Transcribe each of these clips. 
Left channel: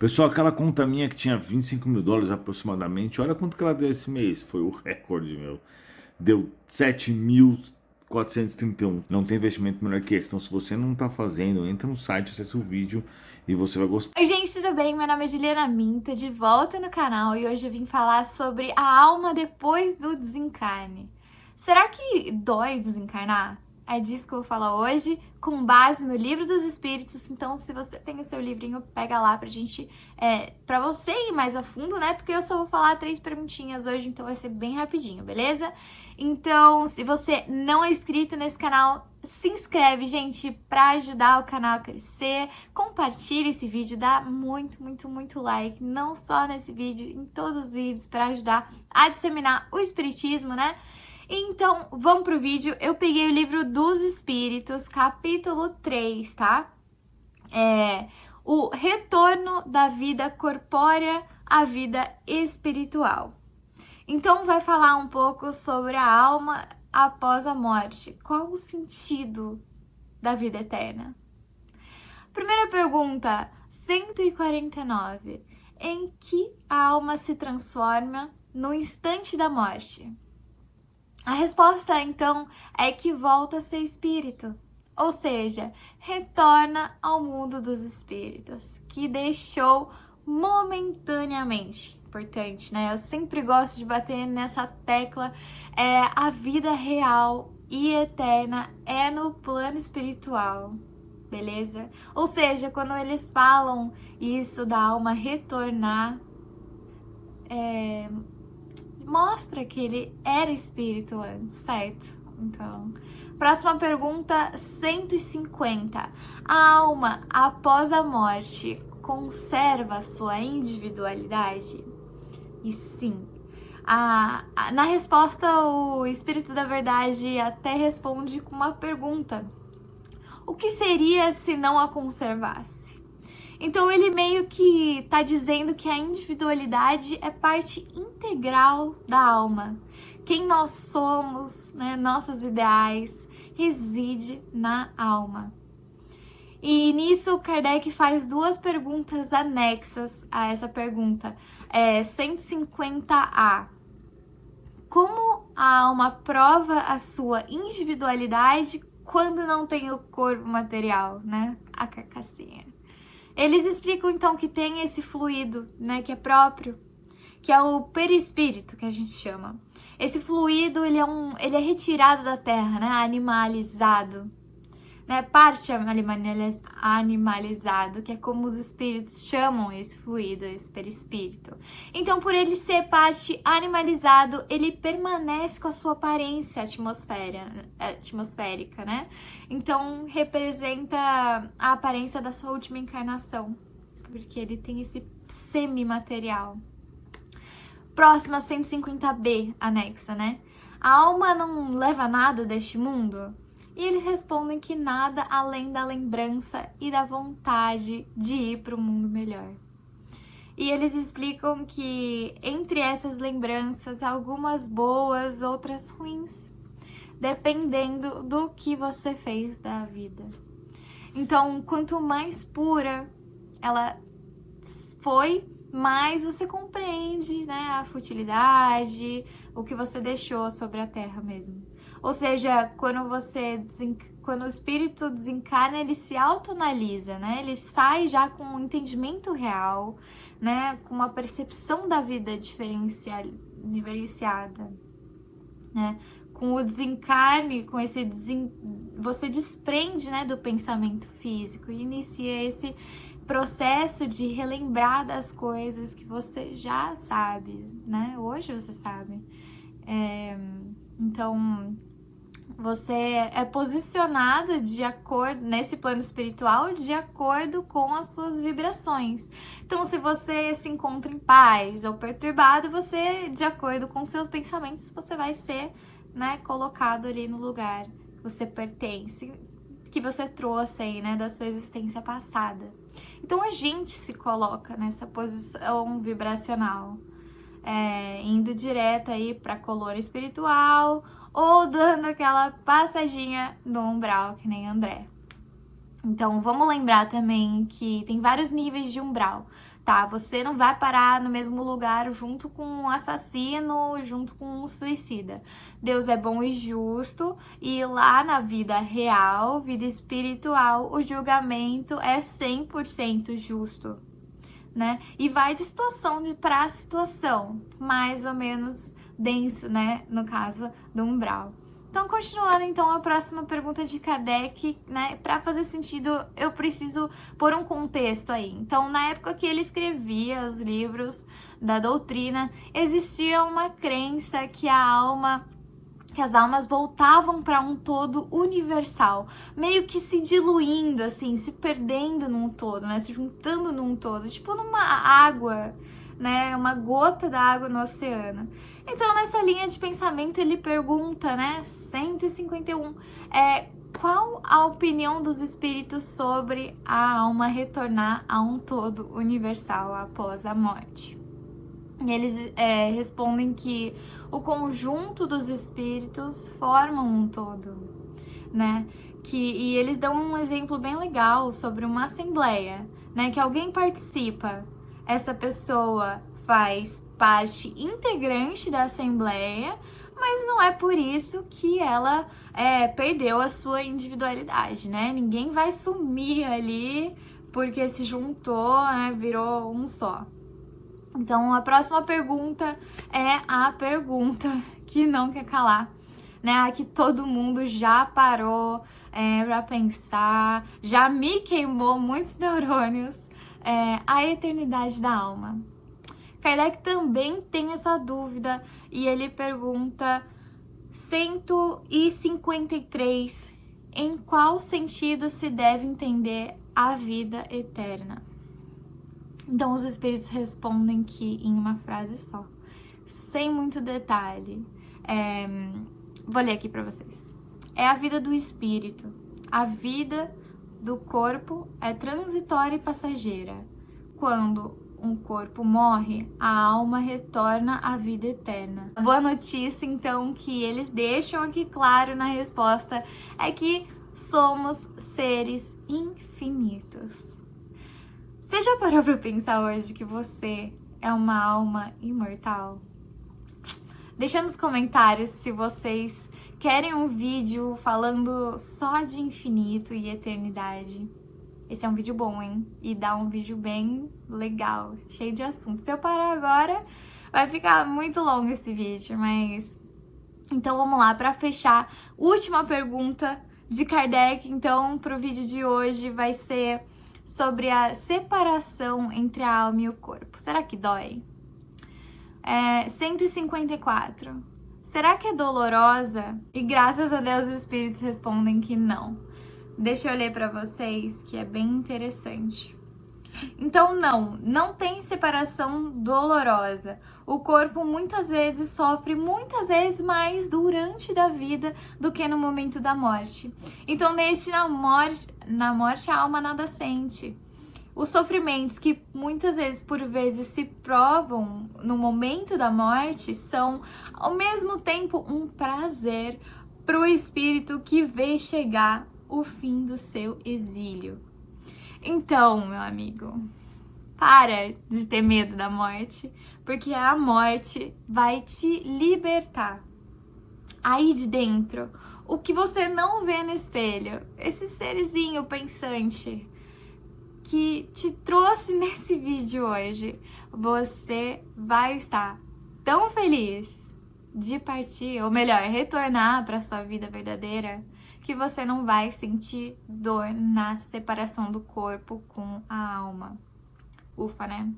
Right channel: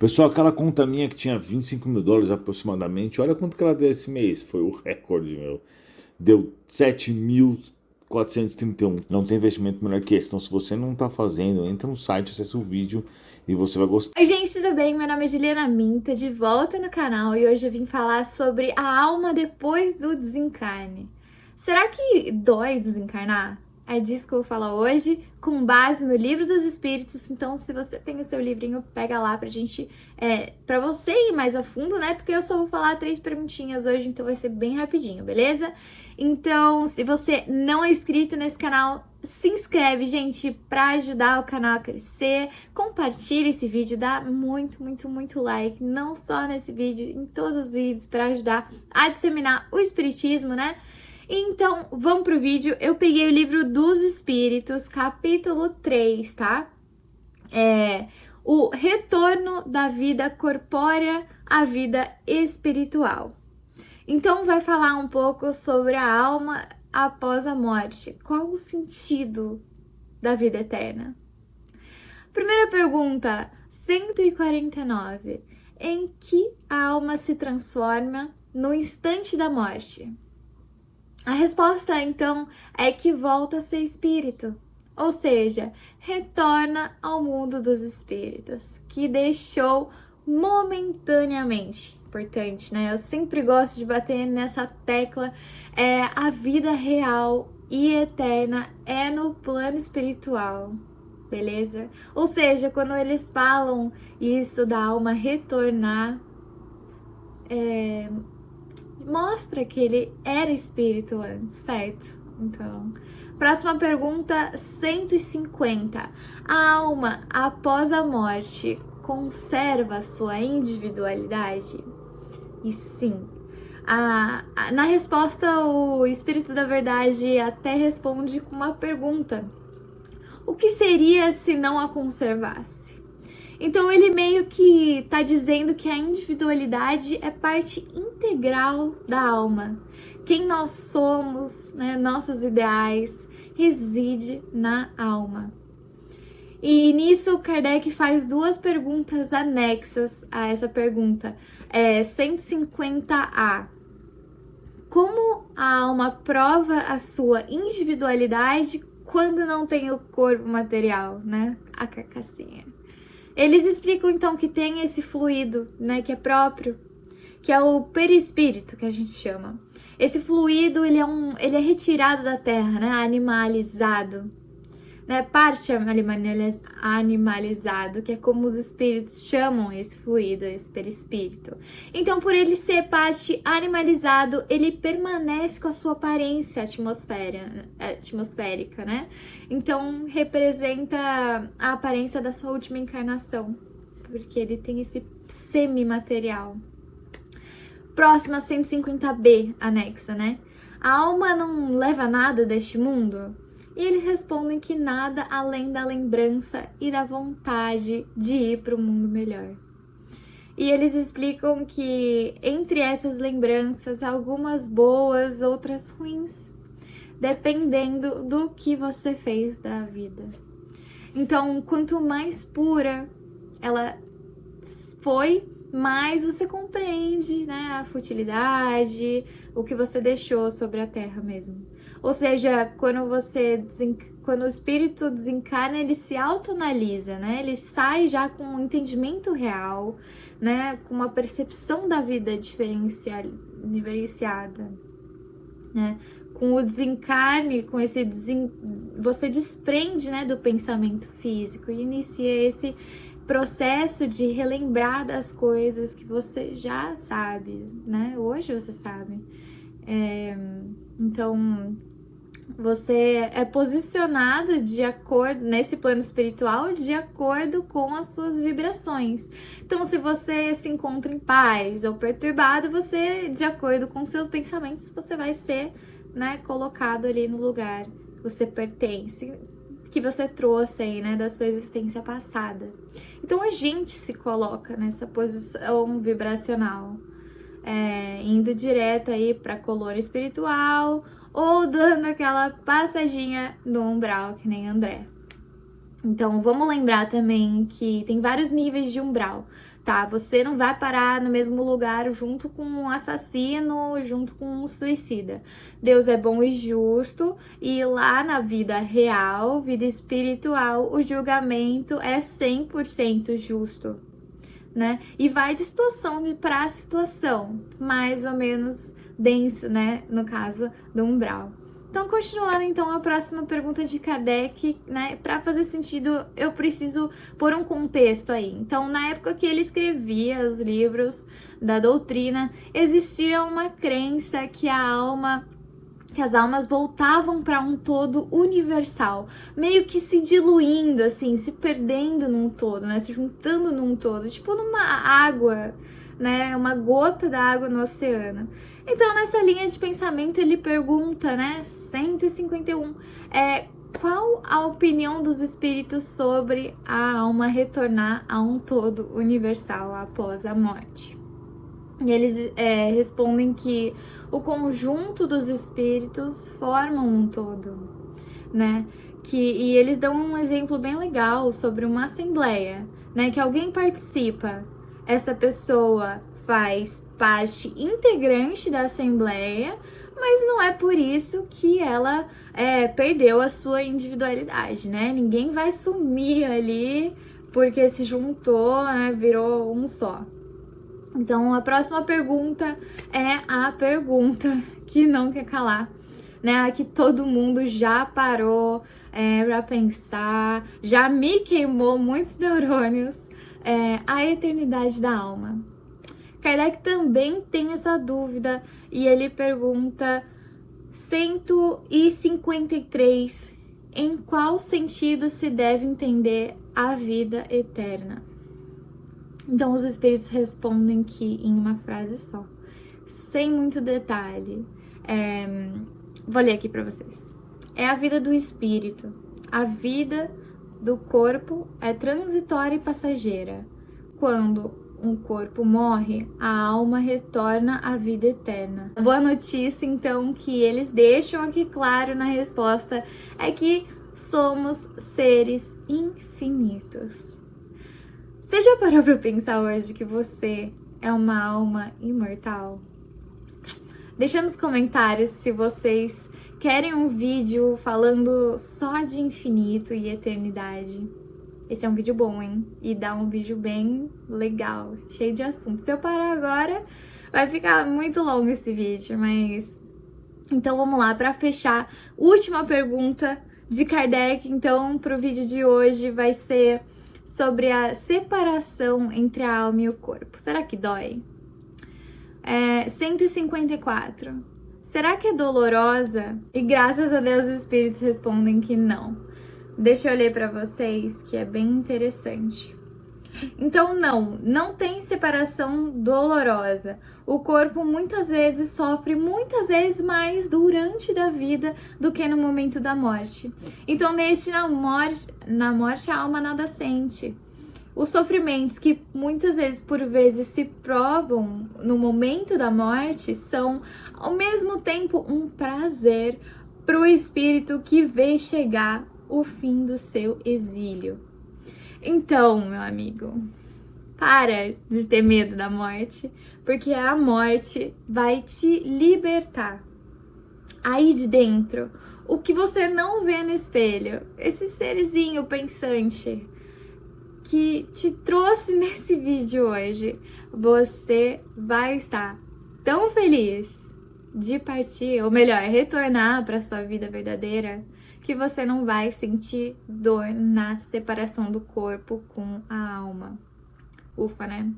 Pessoal, aquela conta minha que tinha US$ 25.000 aproximadamente, olha quanto que ela deu esse mês. Foi o recorde, meu. Deu 7.431. Não tem investimento melhor que esse. Então, se você não tá fazendo, entra no site, acessa o vídeo e você vai gostar. Oi gente, tudo bem? Meu nome é Juliana Minta, de volta no canal, e hoje eu vim falar sobre a alma depois do desencarne. Será que dói desencarnar? É disso que eu vou falar hoje, com base no Livro dos Espíritos. Então, se você tem o seu livrinho, pega lá pra gente, pra você ir mais a fundo, né? Porque eu só vou falar 3 perguntinhas hoje, então vai ser bem rapidinho, beleza? Então, se você não é inscrito nesse canal, se inscreve, gente, pra ajudar o canal a crescer. Compartilha esse vídeo, dá muito like, não só nesse vídeo, em todos os vídeos, para ajudar a disseminar o espiritismo, né? Então, vamos pro vídeo. Eu peguei o Livro dos Espíritos, capítulo 3, tá? O retorno da vida corpórea à vida espiritual. Então, vai falar um pouco sobre a alma após a morte. Qual o sentido da vida eterna? Primeira pergunta, 149. Em que a alma se transforma no instante da morte? A resposta, então, é que volta a ser espírito, ou seja, retorna ao mundo dos espíritos, que deixou momentaneamente. Importante, né? Eu sempre gosto de bater nessa tecla. A vida real e eterna é no plano espiritual, beleza? Ou seja, quando eles falam isso da alma retornar, mostra que ele era espírito antes, certo? Então, próxima pergunta, 150. A alma, após a morte, conserva sua individualidade? E sim. Na resposta, o Espírito da Verdade até responde com uma pergunta. O que seria se não a conservasse? Então ele meio que está dizendo que a individualidade é parte integral da alma. Quem nós somos, né, nossos ideais, reside na alma. E nisso Kardec faz 2 perguntas anexas a essa pergunta. 150A. Como a alma prova a sua individualidade quando não tem o corpo material, né? A carcassinha. Eles explicam então que tem esse fluido, né, que é próprio, que é o perispírito, que a gente chama. Esse fluido, ele é retirado da terra, né, animalizado, né, parte animalizado, que é como os espíritos chamam esse fluido, esse perispírito. Então, por ele ser parte animalizado, ele permanece com a sua aparência atmosférica, né? Então, representa a aparência da sua última encarnação, porque ele tem esse semimaterial. Próxima, 150B, anexa, né? A alma não leva nada deste mundo? E eles respondem que nada além da lembrança e da vontade de ir para o mundo melhor. E eles explicam que entre essas lembranças, algumas boas, outras ruins, dependendo do que você fez da vida. Então, quanto mais pura ela foi, mais você compreende, né, a futilidade, o que você deixou sobre a terra mesmo. Ou seja, quando o espírito desencarna, ele se autoanalisa, né? Ele sai já com um entendimento real, né? Com uma percepção da vida diferenciada, né? Com o desencarne, com esse você desprende, né, do pensamento físico e inicia esse processo de relembrar das coisas que você já sabe, né? Hoje você sabe. Então, você é posicionado de acordo, nesse plano espiritual, de acordo com as suas vibrações. Então, se você se encontra em paz ou perturbado, você, de acordo com seus pensamentos, você vai ser, né, colocado ali no lugar que você pertence, que você trouxe aí, né, da sua existência passada. Então, a gente se coloca nessa posição vibracional, indo direto aí para a colônia espiritual ou dando aquela passadinha no umbral, que nem André. Então, vamos lembrar também que tem vários níveis de umbral, tá? Você não vai parar no mesmo lugar junto com um assassino, junto com um suicida. Deus é bom e justo, e lá na vida real, vida espiritual, o julgamento é 100% justo, né? E vai de situação para situação, mais ou menos denso, né? No caso do umbral. Então, continuando, então, a próxima pergunta de Kardec, né? Para fazer sentido, eu preciso pôr um contexto aí. Então, na época que ele escrevia os livros da doutrina, existia uma crença que as almas voltavam para um todo universal, meio que se diluindo, assim, se perdendo num todo, né? Se juntando num todo, tipo numa água, né? Uma gota d'água no oceano. Então, nessa linha de pensamento, ele pergunta, né, 151, qual a opinião dos espíritos sobre a alma retornar a um todo universal após a morte? E eles respondem que o conjunto dos espíritos formam um todo, né? E eles dão um exemplo bem legal sobre uma assembleia, né? Que alguém participa, essa pessoa faz parte integrante da assembleia, mas não é por isso que ela perdeu a sua individualidade, né? Ninguém vai sumir ali porque se juntou, né? Virou um só. Então, a próxima pergunta é a pergunta que não quer calar, né? A que todo mundo já parou pra pensar, já me queimou muitos neurônios, a eternidade da alma. Kardec também tem essa dúvida e ele pergunta 153, em qual sentido se deve entender a vida eterna? Então os espíritos respondem que em uma frase só, sem muito detalhe. Vou ler aqui para vocês. É a vida do espírito. A vida do corpo é transitória e passageira. Quando um corpo morre, a alma retorna à vida eterna. A boa notícia, então, que eles deixam aqui claro na resposta é que somos seres infinitos. Você já parou para pensar hoje que você é uma alma imortal? Deixa nos comentários se vocês querem um vídeo falando só de infinito e eternidade. Esse é um vídeo bom, hein? E dá um vídeo bem legal, cheio de assunto. Se eu parar agora, vai ficar muito longo esse vídeo, mas... Então vamos lá, para fechar, última pergunta de Kardec, então, para o vídeo de hoje vai ser sobre a separação entre a alma e o corpo. Será que dói? 154. Será que é dolorosa? E graças a Deus os espíritos respondem que não. Deixa eu ler para vocês, que é bem interessante. Então, não tem separação dolorosa. O corpo muitas vezes sofre muitas vezes mais durante da vida do que no momento da morte. Então, na morte a alma nada sente. Os sofrimentos que muitas vezes, por vezes, se provam no momento da morte são, ao mesmo tempo, um prazer para o espírito que vê chegar o fim do seu exílio. Então, meu amigo, para de ter medo da morte, porque a morte vai te libertar. Aí de dentro, o que você não vê no espelho, esse serzinho pensante que te trouxe nesse vídeo hoje, você vai estar tão feliz de partir, ou melhor, retornar para sua vida verdadeira, que você não vai sentir dor na separação do corpo com a alma. Ufa, né?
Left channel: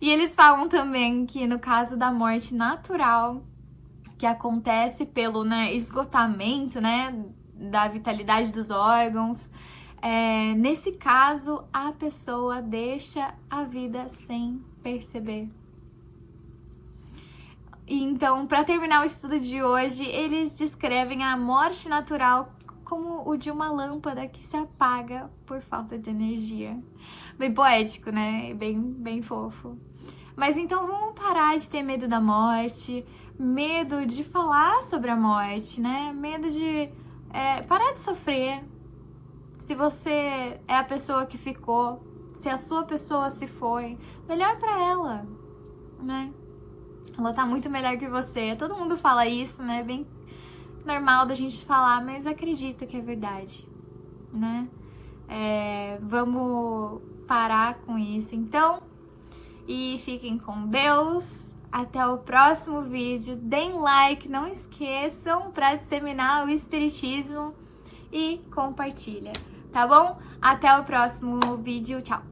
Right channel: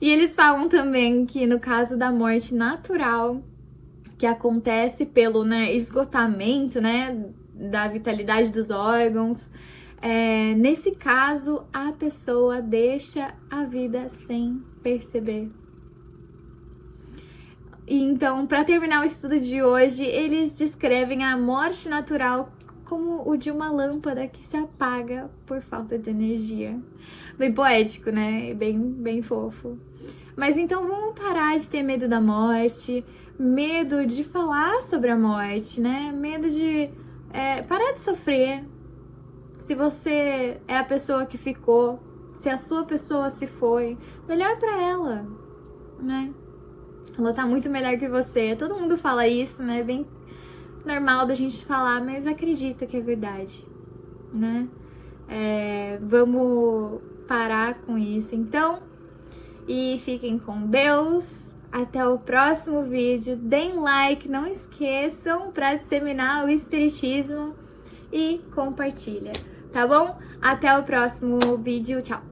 E eles falam também que no caso da morte natural, que acontece pelo esgotamento, da vitalidade dos órgãos, nesse caso a pessoa deixa a vida sem perceber. E então, para terminar o estudo de hoje, eles descrevem a morte natural como o de uma lâmpada que se apaga por falta de energia. Bem poético, né? Bem fofo. Mas então vamos parar de ter medo da morte, medo de falar sobre a morte, né? Medo de parar de sofrer. Se você é a pessoa que ficou, se a sua pessoa se foi, melhor pra ela, né? Ela tá muito melhor que você. Todo mundo fala isso, né? Bem normal da gente falar, mas acredita que é verdade, né? Vamos parar com isso, então. E fiquem com Deus. Até o próximo vídeo. Deem like, não esqueçam para disseminar o espiritismo e compartilha, tá bom? Até o próximo vídeo. Tchau!